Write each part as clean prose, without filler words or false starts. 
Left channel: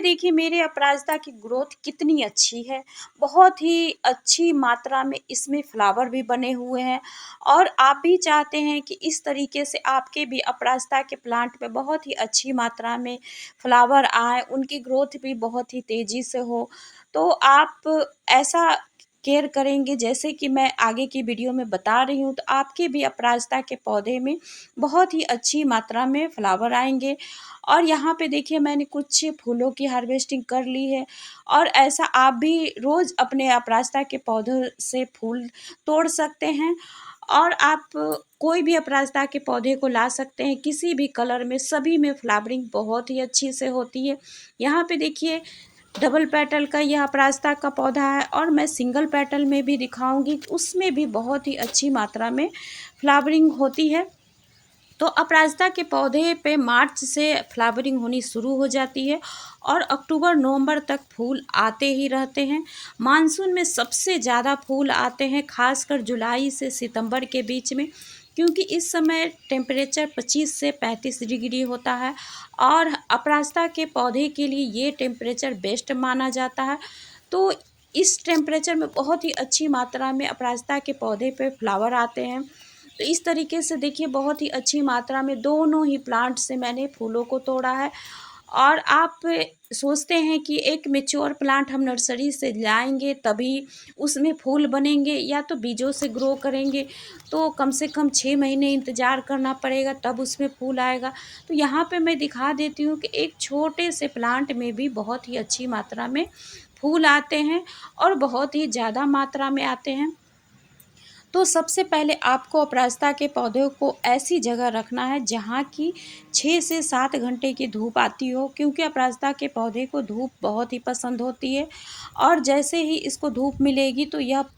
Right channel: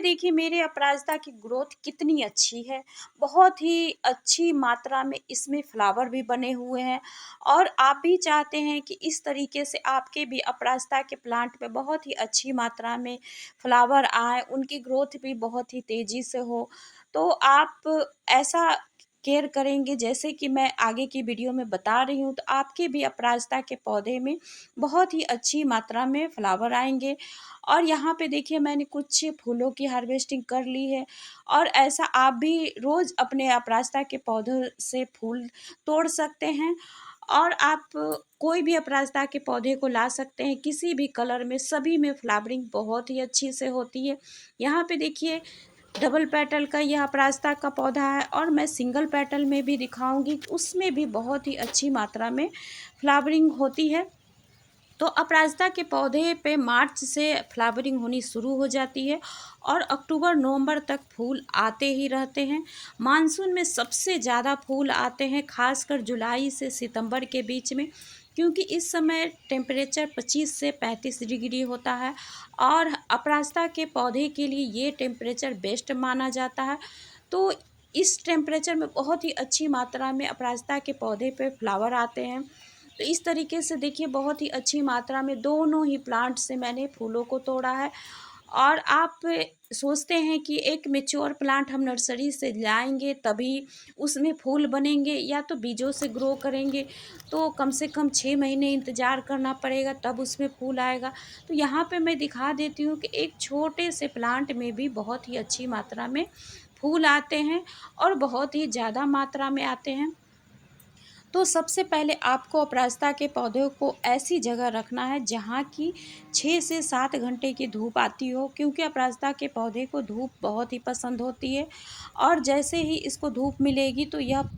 देखिए मेरे अपराजिता की ग्रोथ कितनी अच्छी है। बहुत ही अच्छी मात्रा में इसमें फ्लावर भी बने हुए हैं और आप भी चाहते हैं कि इस तरीके से आपके भी अपराजिता के प्लांट में बहुत ही अच्छी मात्रा में फ्लावर आए, उनकी ग्रोथ भी बहुत ही तेज़ी से हो। तो आप ऐसा केयर करेंगे जैसे कि मैं आगे की वीडियो में बता रही हूँ, तो आपके भी अपराजिता के पौधे में बहुत ही अच्छी मात्रा में फ्लावर आएँगे। और यहाँ पे देखिए मैंने कुछ फूलों की हार्वेस्टिंग कर ली है और ऐसा आप भी रोज़ अपने अपराजिता के पौधों से फूल तोड़ सकते हैं और आप कोई भी अपराजिता के पौधे को ला सकते हैं किसी भी कलर में, सभी में फ्लावरिंग बहुत ही अच्छी से होती है। यहाँ पे देखिए डबल पेटल का यह अपराजिता का पौधा है और मैं सिंगल पेटल में भी दिखाऊंगी, उसमें भी बहुत ही अच्छी मात्रा में फ्लावरिंग होती है। तो अपराजिता के पौधे पे मार्च से फ्लावरिंग होनी शुरू हो जाती है और अक्टूबर नवंबर तक फूल आते ही रहते हैं। मानसून में सबसे ज़्यादा फूल आते हैं खासकर जुलाई से सितंबर के बीच में, क्योंकि इस समय टेम्परेचर 25 से 35 डिग्री होता है और अपराजिता के पौधे के लिए ये टेम्परेचर बेस्ट माना जाता है। तो इस टेम्परेचर में बहुत ही अच्छी मात्रा में अपराजिता के पौधे पे फ्लावर आते हैं। तो इस तरीके से देखिए बहुत ही अच्छी मात्रा में दोनों ही प्लांट से मैंने फूलों को तोड़ा है। और आप सोचते हैं कि एक मैच्योर प्लांट हम नर्सरी से लाएंगे तभी उसमें फूल बनेंगे या तो बीजों से ग्रो करेंगे, तो कम से कम 6 महीने इंतज़ार करना पड़ेगा तब उसमें फूल आएगा। तो यहाँ पे मैं दिखा देती हूँ कि एक छोटे से प्लांट में भी बहुत ही अच्छी मात्रा में फूल आते हैं और बहुत ही ज़्यादा मात्रा में आते हैं। तो सबसे पहले आपको अपराजिता के पौधों को ऐसी जगह रखना है जहाँ की 6 से 7 घंटे की धूप आती हो, क्योंकि अपराजिता के पौधे को धूप बहुत ही पसंद होती है और जैसे ही इसको धूप मिलेगी तो यह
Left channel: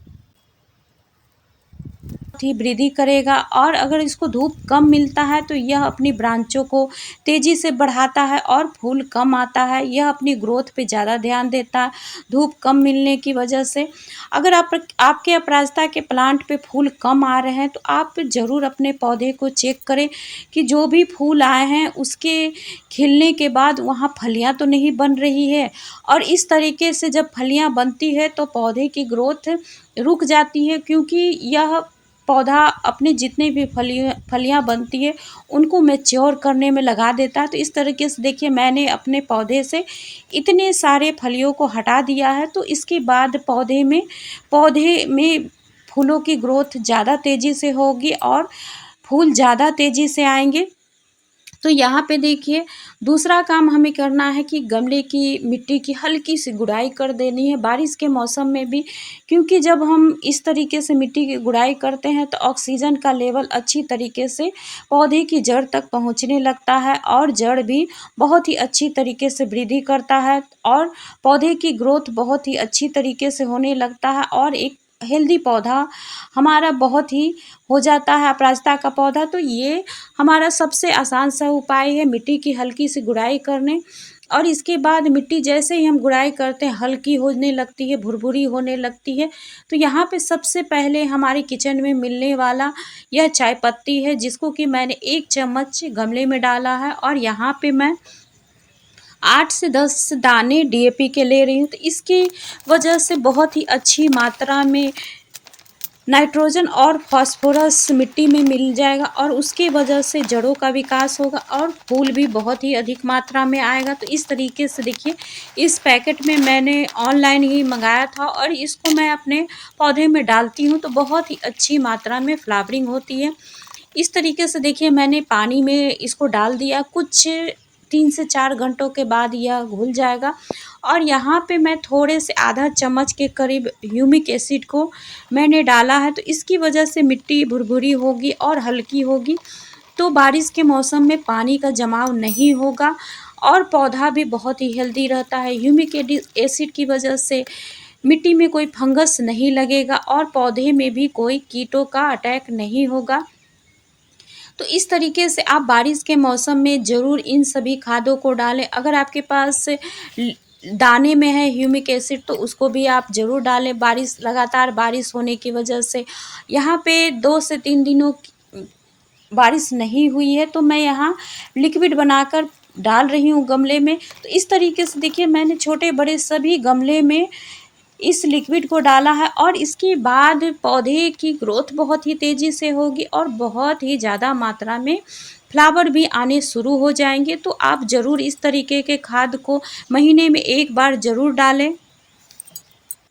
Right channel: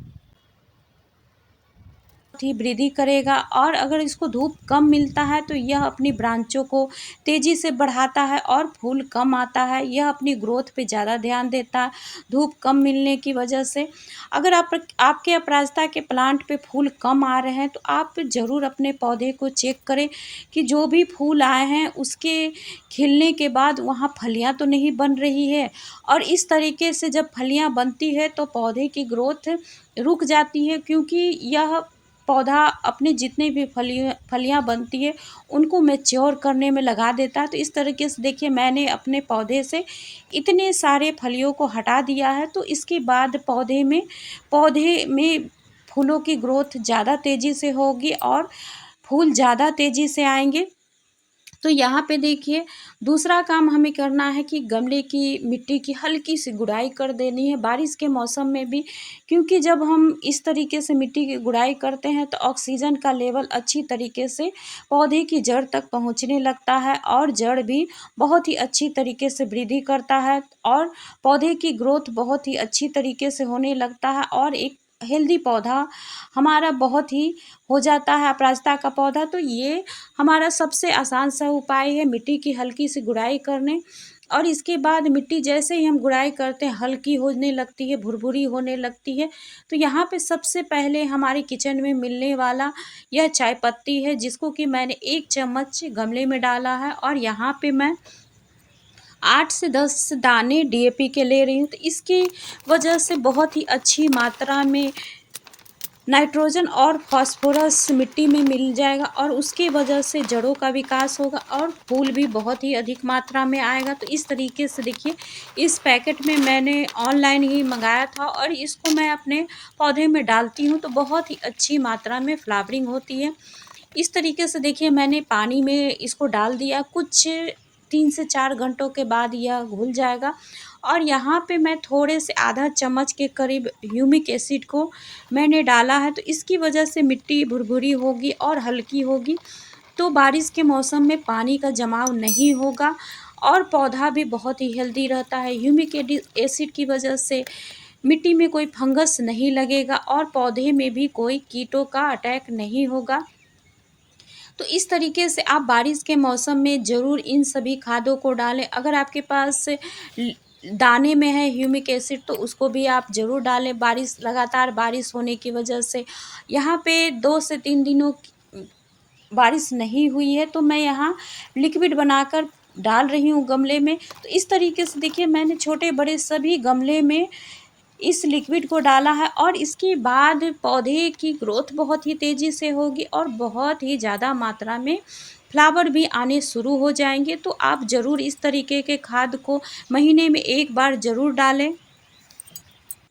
ही वृद्धि करेगा। और अगर इसको धूप कम मिलता है तो यह अपनी ब्रांचों को तेज़ी से बढ़ाता है और फूल कम आता है। यह अपनी ग्रोथ पे ज़्यादा ध्यान देता है धूप कम मिलने की वजह से। अगर आपके अपराजिता के प्लांट पे फूल कम आ रहे हैं तो आप ज़रूर अपने पौधे को चेक करें कि जो भी फूल आए हैं उसके खिलने के बाद वहाँ फलियाँ तो नहीं बन रही है। और इस तरीके से जब फलियाँ बनती है तो पौधे की ग्रोथ रुक जाती है, क्योंकि यह पौधा अपने जितने भी फलियाँ बनती है उनको मैच्योर करने में लगा देता है। तो इस तरीके से देखिए मैंने अपने पौधे से इतने सारे फलियों को हटा दिया है। तो इसके बाद पौधे में फूलों की ग्रोथ ज़्यादा तेज़ी से होगी और फूल ज़्यादा तेज़ी से आएंगे। तो यहाँ पे देखिए दूसरा काम हमें करना है कि गमले की मिट्टी की हल्की सी गुड़ाई कर देनी है बारिश के मौसम में भी, क्योंकि जब हम इस तरीके से मिट्टी की गुड़ाई करते हैं तो ऑक्सीजन का लेवल अच्छी तरीके से पौधे की जड़ तक पहुँचने लगता है और जड़ भी बहुत ही अच्छी तरीके से वृद्धि करता है और पौधे की ग्रोथ बहुत ही अच्छी तरीके से होने लगता है और एक हेल्दी पौधा हमारा बहुत ही हो जाता है अपराजिता का पौधा। तो ये हमारा सबसे आसान सा उपाय है मिट्टी की हल्की सी गुड़ाई करने। और इसके बाद मिट्टी जैसे ही हम गुड़ाई करते हैं हल्की होने लगती है, भुरभुरी होने लगती है। तो यहाँ पे सबसे पहले हमारे किचन में मिलने वाला यह चाय पत्ती है, जिसको कि मैंने 1 चम्मच गमले में डाला है और यहाँ पे मैं 8 से 10 दाने डीएपी के ले रही हूँ। तो इसकी वजह से बहुत ही अच्छी मात्रा में नाइट्रोजन और फास्फोरस मिट्टी में मिल जाएगा और उसके वजह से जड़ों का विकास होगा और फूल भी बहुत ही अधिक मात्रा में आएगा। तो इस तरीके से देखिए इस पैकेट में मैंने ऑनलाइन ही मंगाया था और इसको मैं अपने पौधे में डालती हूँ तो बहुत ही अच्छी मात्रा में फ्लावरिंग होती है। इस तरीके से देखिए मैंने पानी में इसको डाल दिया, कुछ 3 से 4 घंटों के बाद यह घुल जाएगा। और यहाँ पे मैं थोड़े से आधा चम्मच के करीब ह्यूमिक एसिड को मैंने डाला है, तो इसकी वजह से मिट्टी भुरभुरी होगी और हल्की होगी, तो बारिश के मौसम में पानी का जमाव नहीं होगा और पौधा भी बहुत ही हेल्दी रहता है। ह्यूमिक एसिड की वजह से मिट्टी में कोई फंगस नहीं लगेगा और पौधे में भी कोई कीटों का अटैक नहीं होगा। तो इस तरीके से आप बारिश के मौसम में ज़रूर इन सभी खादों को डालें। अगर आपके पास दाने में है ह्यूमिक एसिड तो उसको भी आप ज़रूर डालें। लगातार बारिश होने की वजह से यहाँ पे 2 से 3 दिनों बारिश नहीं हुई है, तो मैं यहाँ लिक्विड बनाकर डाल रही हूँ गमले में। तो इस तरीके से देखिए मैंने छोटे बड़े सभी गमले में इस लिक्विड को डाला है और इसके बाद पौधे की ग्रोथ बहुत ही तेज़ी से होगी और बहुत ही ज़्यादा मात्रा में फ्लावर भी आने शुरू हो जाएंगे। तो आप ज़रूर इस तरीके के खाद को महीने में एक बार ज़रूर डालें।